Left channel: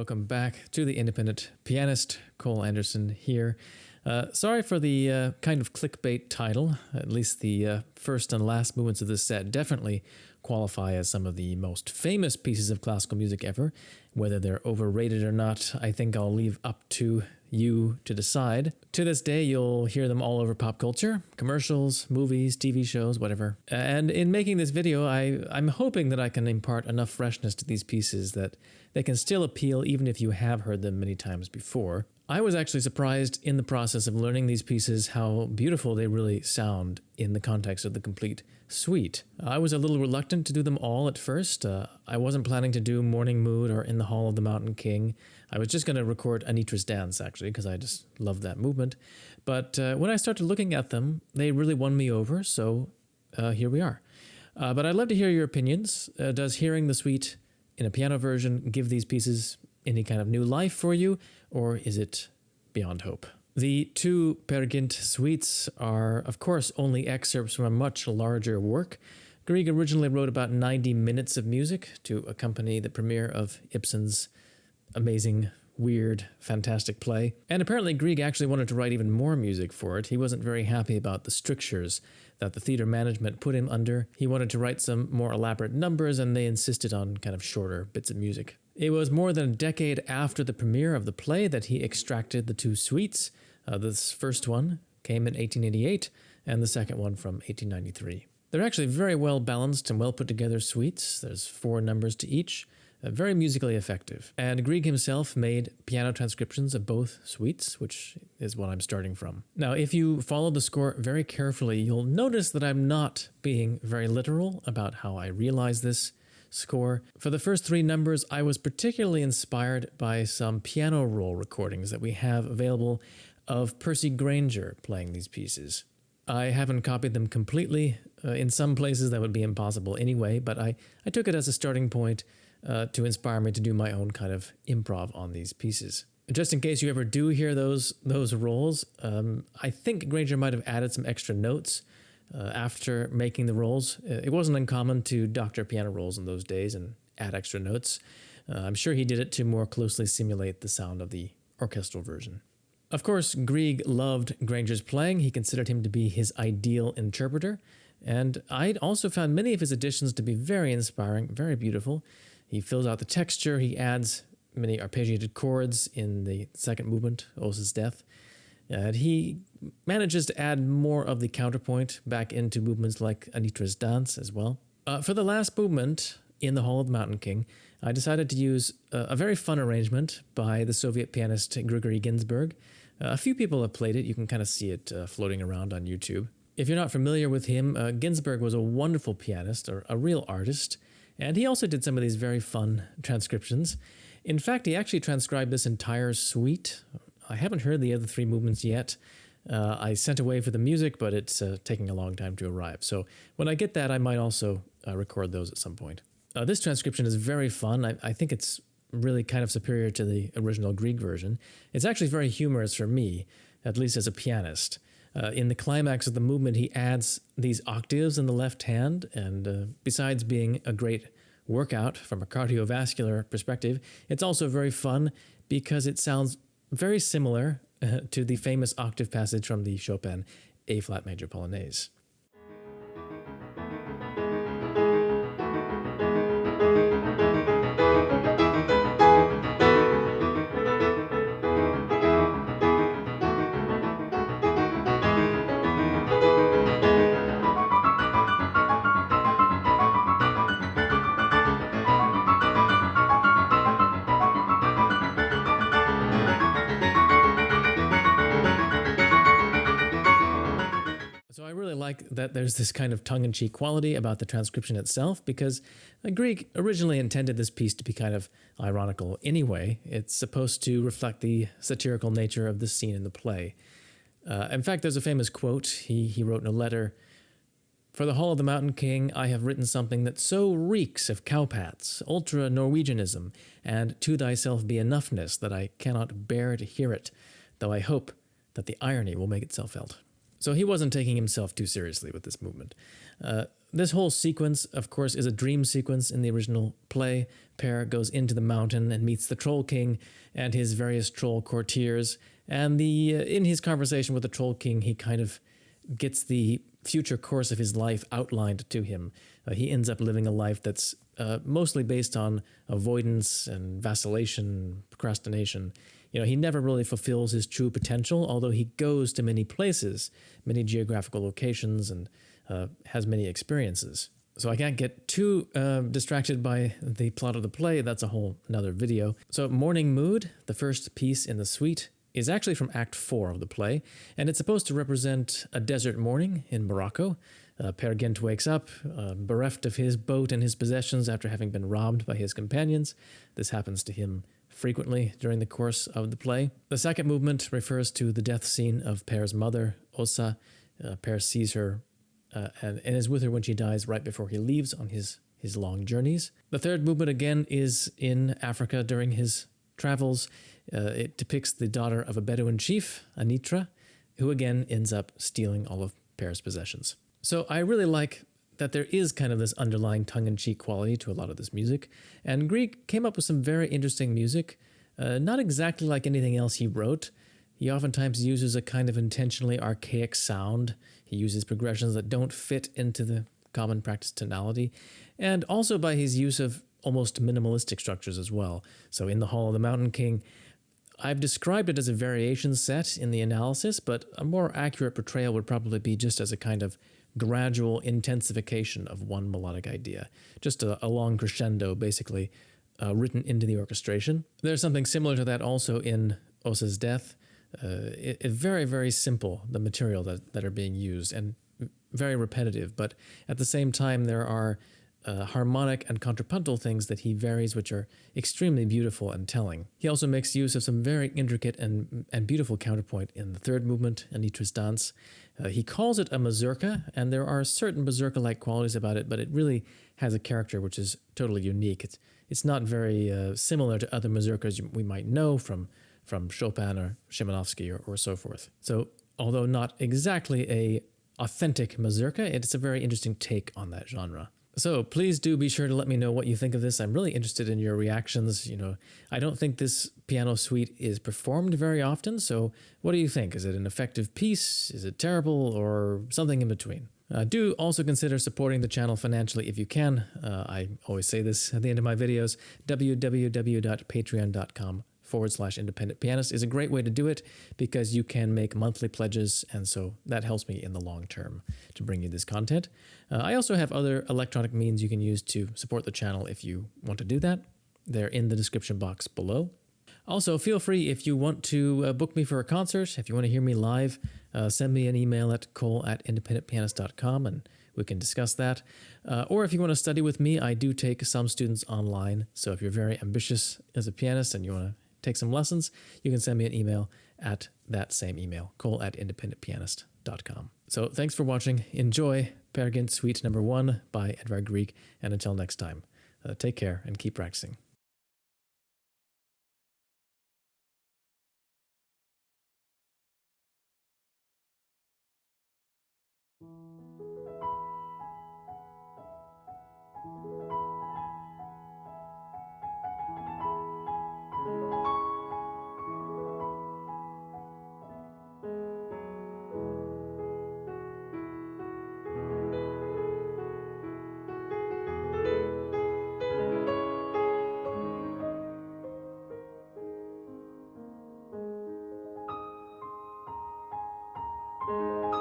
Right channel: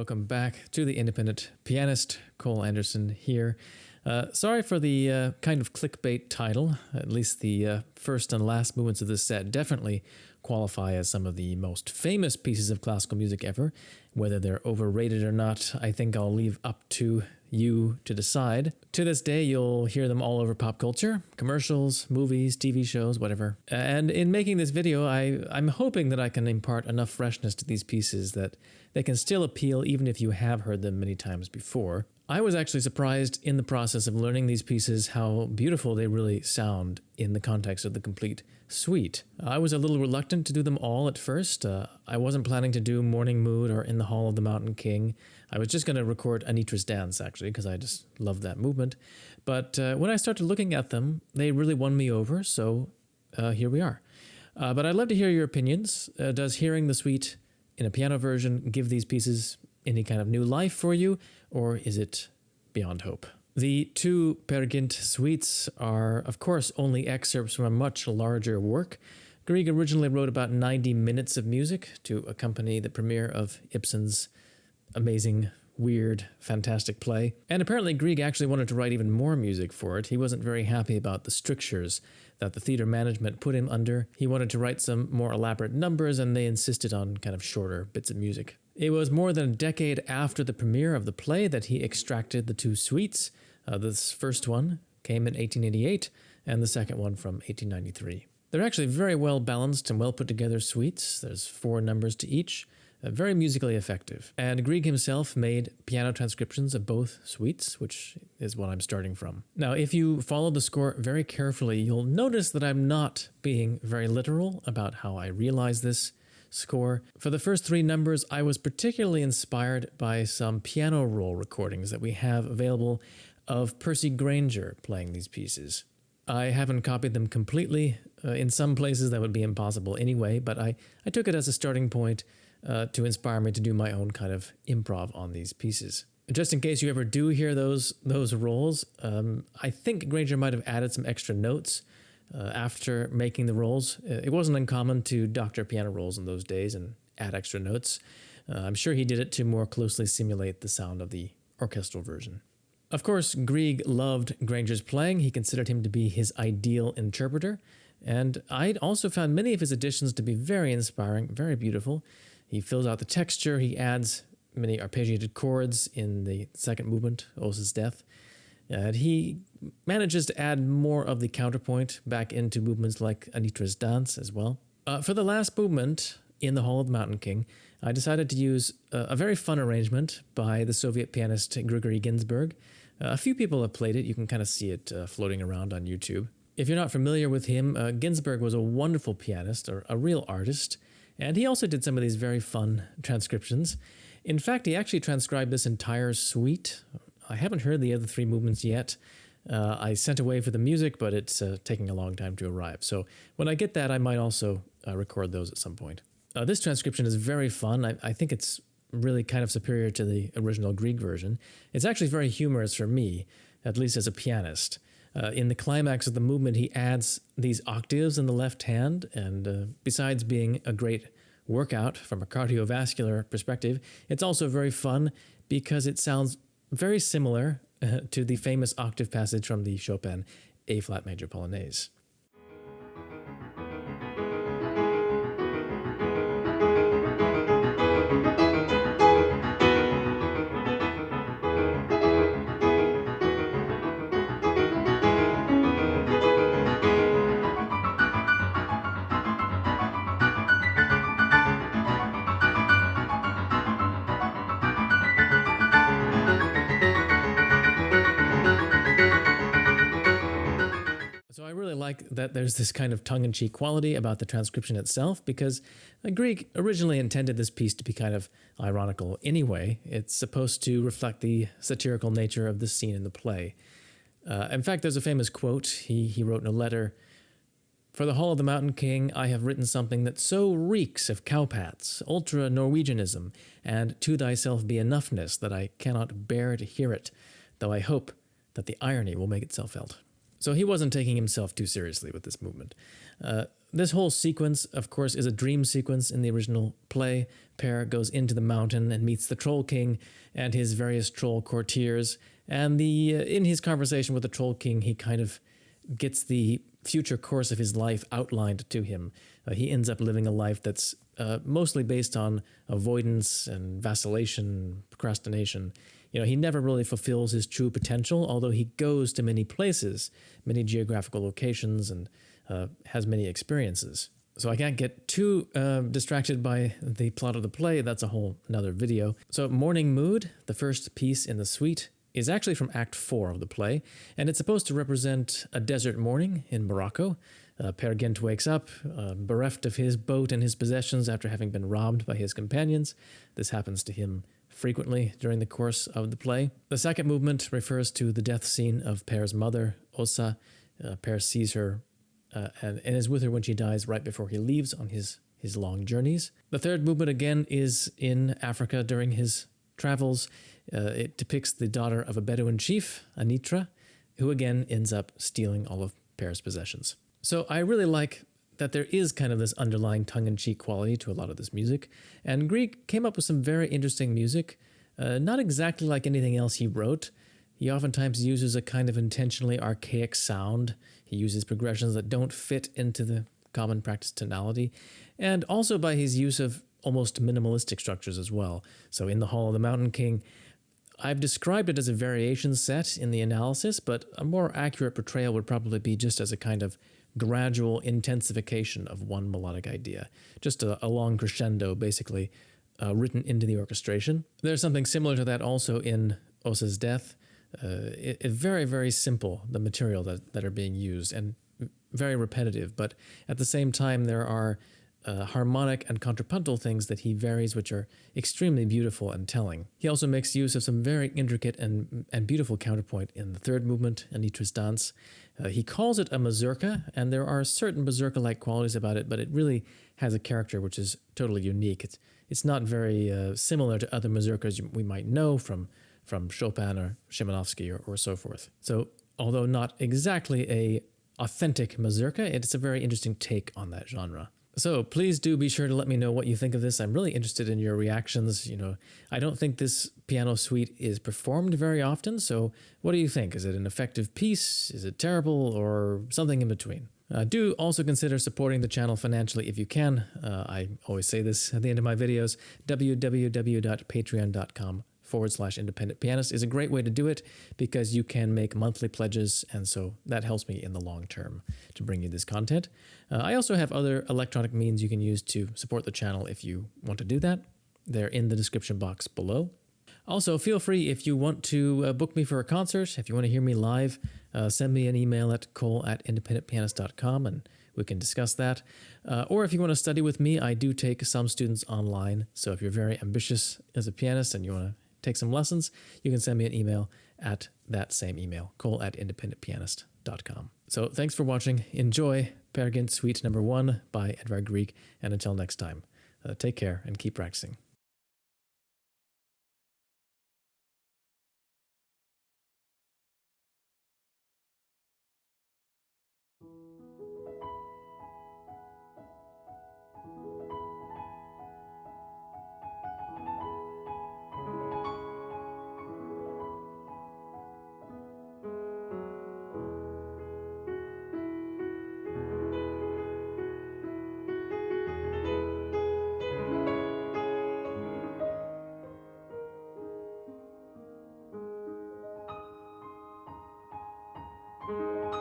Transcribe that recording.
welcome back to The Independent Pianist. Cole Anderson here. Sorry for the kind of clickbait title. At least the first and last movements of this set definitely qualify as some of the most famous pieces of classical music ever. Whether they're overrated or not, I think I'll leave up to you to decide. To this day, you'll hear them all over pop culture, commercials, movies, TV shows, whatever. And in making this video, I'm hoping that I can impart enough freshness to these pieces that they can still appeal even if you have heard them many times before. I was actually surprised in the process of learning these pieces how beautiful they really sound in the context of the complete suite. I was a little reluctant to do them all at first. I wasn't planning to do Morning Mood or In the Hall of the Mountain King. I was just going to record Anitra's Dance, actually, because I just love that movement. But when I started looking at them, they really won me over, so here we are. But I'd love to hear your opinions. Does hearing the suite in a piano version give these pieces any kind of new life for you, or is it beyond hope? The two Per Gynt suites are, of course, only excerpts from a much larger work. Grieg originally wrote about 90 minutes of music to accompany the premiere of Ibsen's amazing, weird, fantastic play. And apparently Grieg actually wanted to write even more music for it. He wasn't very happy about the strictures that the theater management put him under. He wanted to write some more elaborate numbers, and they insisted on kind of shorter bits of music. It was more than a decade after the premiere of the play that he extracted the two suites. This first one came in 1888, and the second one from 1893. They're actually very well balanced and well put together suites. There's 4 numbers to each. Very musically effective. And Grieg himself made piano transcriptions of both suites, which is what I'm starting from. Now, if you follow the score very carefully, you'll notice that I'm not being very literal about how I realize this score. For the first 3 numbers, I was particularly inspired by some piano roll recordings that we have available of Percy Grainger playing these pieces. I haven't copied them completely. In some places that would be impossible anyway, but I took it as a starting point to inspire me to do my own kind of improv on these pieces. Just in case you ever do hear those rolls, I think Grainger might have added some extra notes after making the rolls. It wasn't uncommon to doctor piano rolls in those days and add extra notes. I'm sure he did it to more closely simulate the sound of the orchestral version. Of course, Grieg loved Grainger's playing. He considered him to be his ideal interpreter, and I also found many of his additions to be very inspiring, very beautiful. He fills out the texture, he adds many arpeggiated chords in the second movement, Åse's Death, and he manages to add more of the counterpoint back into movements like Anitra's Dance as well. For the last movement, In the Hall of the Mountain King, I decided to use a very fun arrangement by the Soviet pianist Grigory Ginzburg. A few people have played it. You can kind of see it floating around on YouTube. If you're not familiar with him, Ginzburg was a wonderful pianist, or a real artist, and he also did some of these very fun transcriptions. In fact, he actually transcribed this entire suite. I haven't heard the other 3 movements yet. I sent away for the music, but it's taking a long time to arrive. So when I get that, I might also record those at some point. This transcription is very fun. I think it's really kind of superior to the original Grieg version. It's actually very humorous for me, at least as a pianist. In the climax of the movement, he adds these octaves in the left hand, and besides being a great workout from a cardiovascular perspective, it's also very fun because it sounds very similar to the famous octave passage from the Chopin A-flat major Polonaise. So I really like that there's this kind of tongue-in-cheek quality about the transcription itself, because Grieg originally intended this piece to be kind of ironical anyway. It's supposed to reflect the satirical nature of the scene in the play. In fact, there's a famous quote he wrote in a letter: "For the Hall of the Mountain King, I have written something that so reeks of cowpats, ultra-Norwegianism, and to thyself be enoughness that I cannot bear to hear it, though I hope that the irony will make itself felt." So he wasn't taking himself too seriously with this movement. this whole sequence, of course, is a dream sequence in the original play. Per goes into the mountain and meets the Troll King and his various troll courtiers. And in his conversation with the Troll King, he kind of gets the future course of his life outlined to him. He ends up living a life that's mostly based on avoidance and vacillation, procrastination. He never really fulfills his true potential, although he goes to many places, many geographical locations, and has many experiences. So I can't get too distracted by the plot of the play. That's a whole another video. So Morning Mood, the first piece in the suite, is actually from Act 4 of the play, and it's supposed to represent a desert morning in Morocco. Per Gynt wakes up, bereft of his boat and his possessions after having been robbed by his companions. This happens to him frequently during the course of the play. The second movement refers to the death scene of Per's mother, Åse. Per sees her and is with her when she dies right before he leaves on his long journeys. The third movement again is in Africa during his travels. It depicts the daughter of a Bedouin chief, Anitra, who again ends up stealing all of Per's possessions. So I really like that there is kind of this underlying tongue-in-cheek quality to a lot of this music, and Grieg came up with some very interesting music, not exactly like anything else he wrote. He oftentimes uses a kind of intentionally archaic sound. He uses progressions that don't fit into the common practice tonality, and also by his use of almost minimalistic structures as well. So in The Hall of the Mountain King, I've described it as a variation set in the analysis, but a more accurate portrayal would probably be just as a kind of gradual intensification of one melodic idea. Just a long crescendo, basically, written into the orchestration. There's something similar to that also in Åse's Death. Very, very simple, the material that are being used, and very repetitive, but at the same time there are harmonic and contrapuntal things that he varies, which are extremely beautiful and telling. He also makes use of some very intricate and beautiful counterpoint in the third movement, Anitra's Dance. He calls it a mazurka, and there are certain mazurka-like qualities about it, but it really has a character which is totally unique. It's not very similar to other mazurkas we might know from Chopin or Szymanowski or so forth. So although not exactly a authentic mazurka, it's a very interesting take on that genre. So please do be sure to let me know what you think of this. I'm really interested in your reactions. I don't think this piano suite is performed very often, so what do you think? Is it an effective piece? Is it terrible? Or something in between? Do also consider supporting the channel financially if you can. I always say this at the end of my videos. www.patreon.com/independent pianist is a great way to do it because you can make monthly pledges, and so that helps me in the long term to bring you this content. I also have other electronic means you can use to support the channel if you want to do that. They're in the description box below. Also, feel free if you want to book me for a concert, if you want to hear me live, send me an email at cole@independentpianist.com and we can discuss that. Or if you want to study with me, I do take some students online, so if you're very ambitious as a pianist and you want to take some lessons, you can send me an email at that same email, cole@independentpianist.com. So thanks for watching. Enjoy Per Gynt Suite number 1 by Edvard Grieg, and until next time, take care and keep practicing.